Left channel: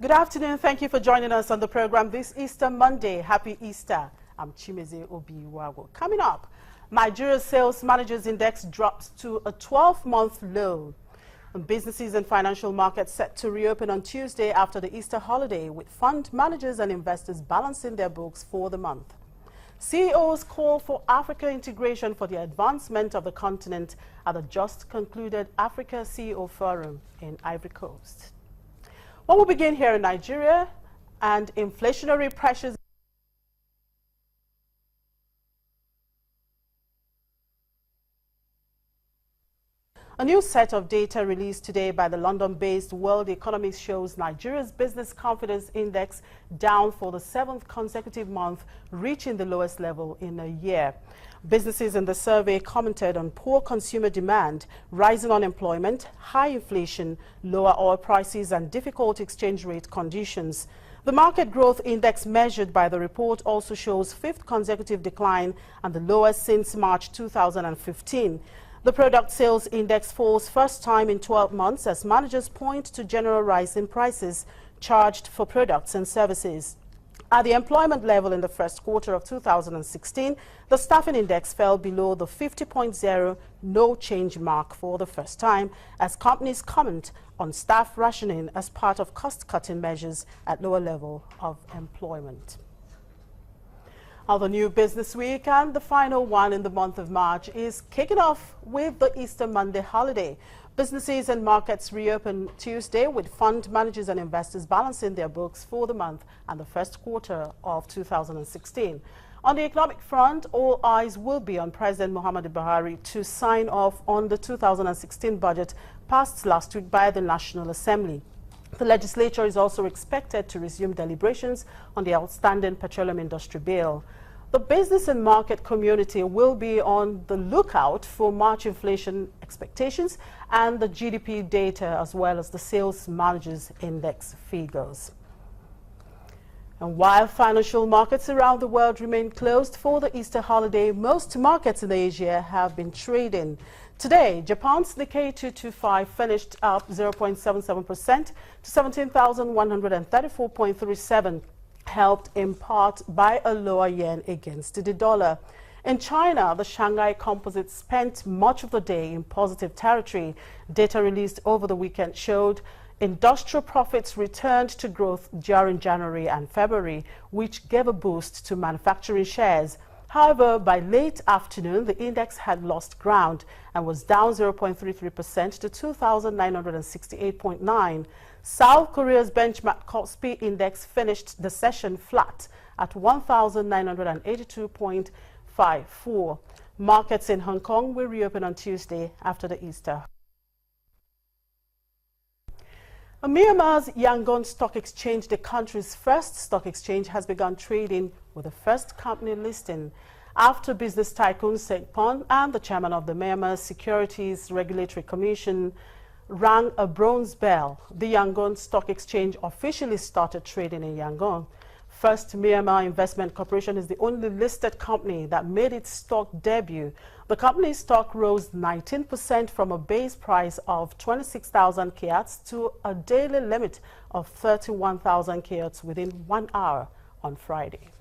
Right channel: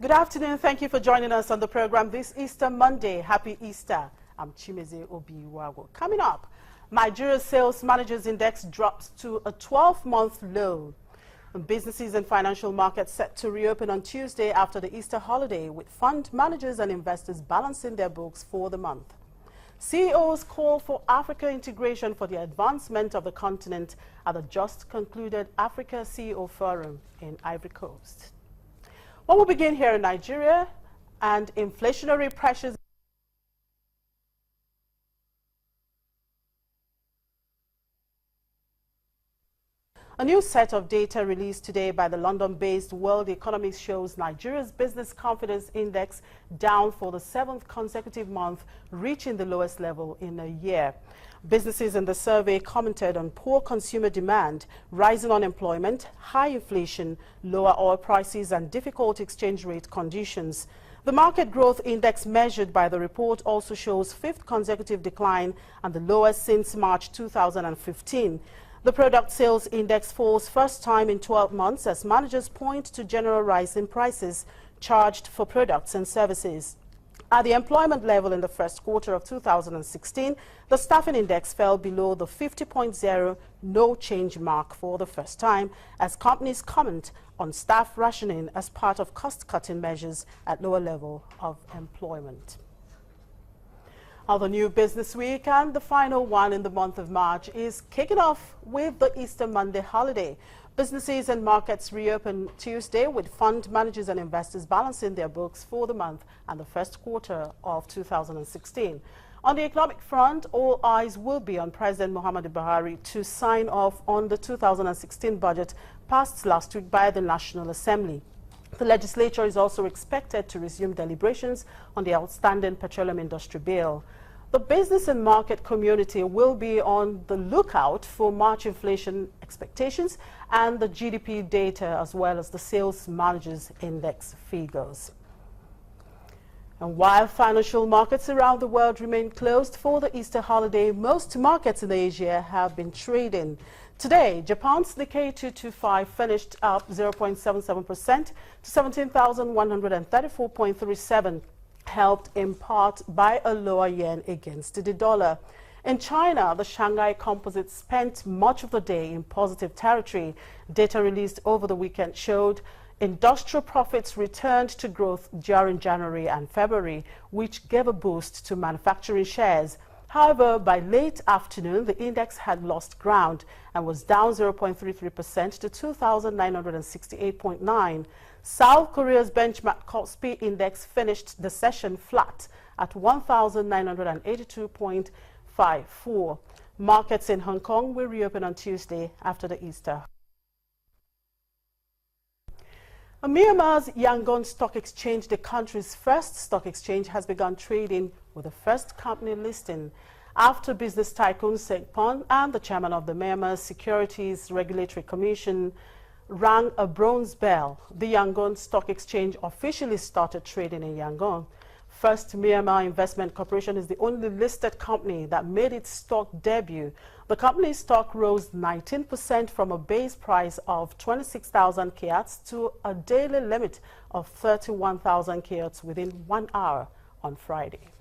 Good afternoon. Thank you for joining us on the program this Easter Monday. Happy Easter. I'm Chimeze Obiwago. Coming up, Nigeria's Sales Managers Index drops to a 12-month low. And businesses and financial markets set to reopen on Tuesday after the Easter holiday, with fund managers and investors balancing their books for the month. CEOs call for Africa integration for the advancement of the continent at the just concluded Africa CEO Forum in Ivory Coast. Well, we'll begin here in Nigeria, and inflationary pressures. A new set of data released today by the London-based World Economics shows Nigeria's Business Confidence Index down for the 7th consecutive month, reaching the lowest level in a year. Businesses in the survey commented on poor consumer demand, rising unemployment, high inflation, lower oil prices, and difficult exchange rate conditions. The Market Growth Index measured by the report also shows 5th consecutive decline and the lowest since March 2015. The Product Sales Index falls first time in 12 months as managers point to general rise in prices charged for products and services. At the employment level in the first quarter of 2016, the Staffing Index fell below the 50.0 no change mark for the first time as companies comment on staff rationing as part of cost-cutting measures at lower level of employment. Now, the new business week and the final one in the month of March is kicking off with the Easter Monday holiday. Businesses and markets reopen Tuesday with fund managers and investors balancing their books for the month and the first quarter of 2016. On the economic front, all eyes will be on President Muhammadu Buhari to sign off on the 2016 budget passed last week by the National Assembly. The legislature is also expected to resume deliberations on the outstanding petroleum industry bill. The business and market community will be on the lookout for March inflation expectations and the GDP data, as well as the Sales Managers Index figures. And while financial markets around the world remain closed for the Easter holiday, most markets in Asia have been trading. Today, Japan's Nikkei 225 finished up 0.77% to 17,134.37, helped in part by a lower yen against the dollar. In China, the Shanghai Composite spent much of the day in positive territory. Data released over the weekend showed industrial profits returned to growth during January and February, which gave a boost to manufacturing shares. However, by late afternoon, the index had lost ground and was down 0.33% to 2,968.9. South Korea's benchmark Kospi index finished the session flat at 1,982.54. Markets in Hong Kong will reopen on Tuesday after the Easter. Myanmar's Yangon Stock Exchange, the country's first stock exchange, has begun trading with the first company listing after business tycoon Sekpon and the chairman of the Myanmar Securities Regulatory Commission rang a bronze bell. The Yangon Stock Exchange officially started trading in Yangon. First Myanmar Investment Corporation is the only listed company that made its stock debut. The company's stock rose 19% from a base price of 26,000 kyats to a daily limit of 31,000 kyats within 1 hour on Friday.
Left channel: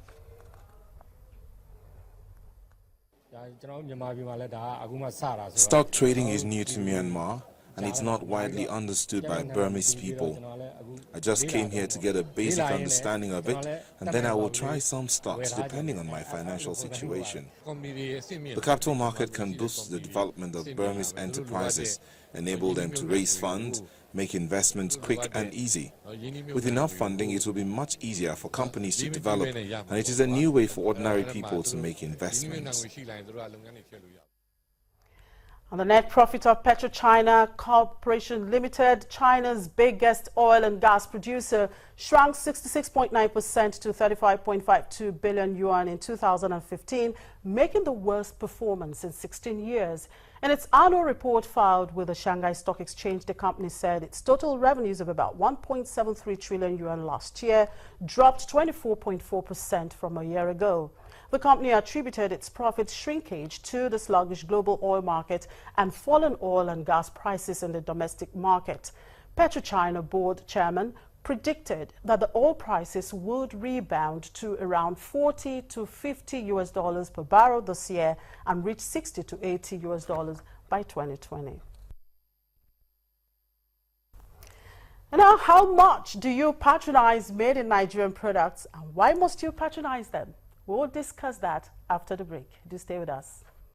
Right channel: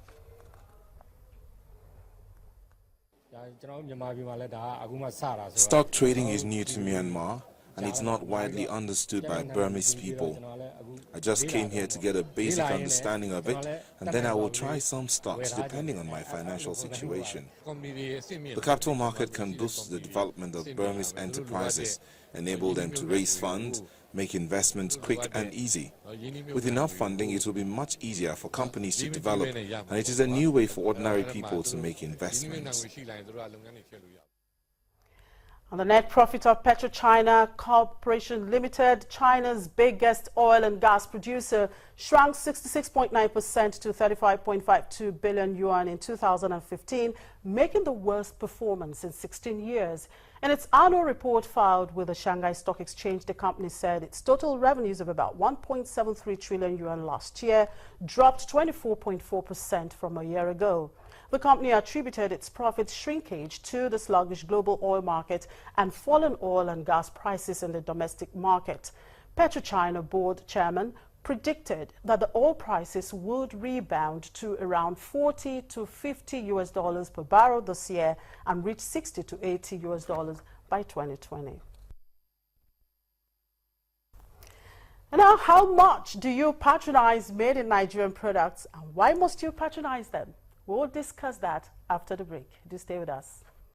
Stock trading is new to Myanmar, and it's not widely understood by Burmese people. I just came here to get a basic understanding of it, and then I will try some stocks depending on my financial situation. The capital market can boost the development of Burmese enterprises, enable them to raise funds, make investments quick and easy. With enough funding, it will be much easier for companies to develop, and it is a new way for ordinary people to make investments. And the net profit of PetroChina Corporation Limited, China's biggest oil and gas producer, shrank 66.9% to 35.52 billion yuan in 2015, making the worst performance in 16 years. In its annual report filed with the Shanghai Stock Exchange, the company said its total revenues of about 1.73 trillion yuan last year dropped 24.4% from a year ago. The company attributed its profit shrinkage to the sluggish global oil market and fallen oil and gas prices in the domestic market. PetroChina board chairman predicted that the oil prices would rebound to around $40 to $50 per barrel this year and reach $60 to $80 by 2020. And now, how much do you patronize made in Nigerian products, and why must you patronize them? We'll discuss that after the break. Do stay with us.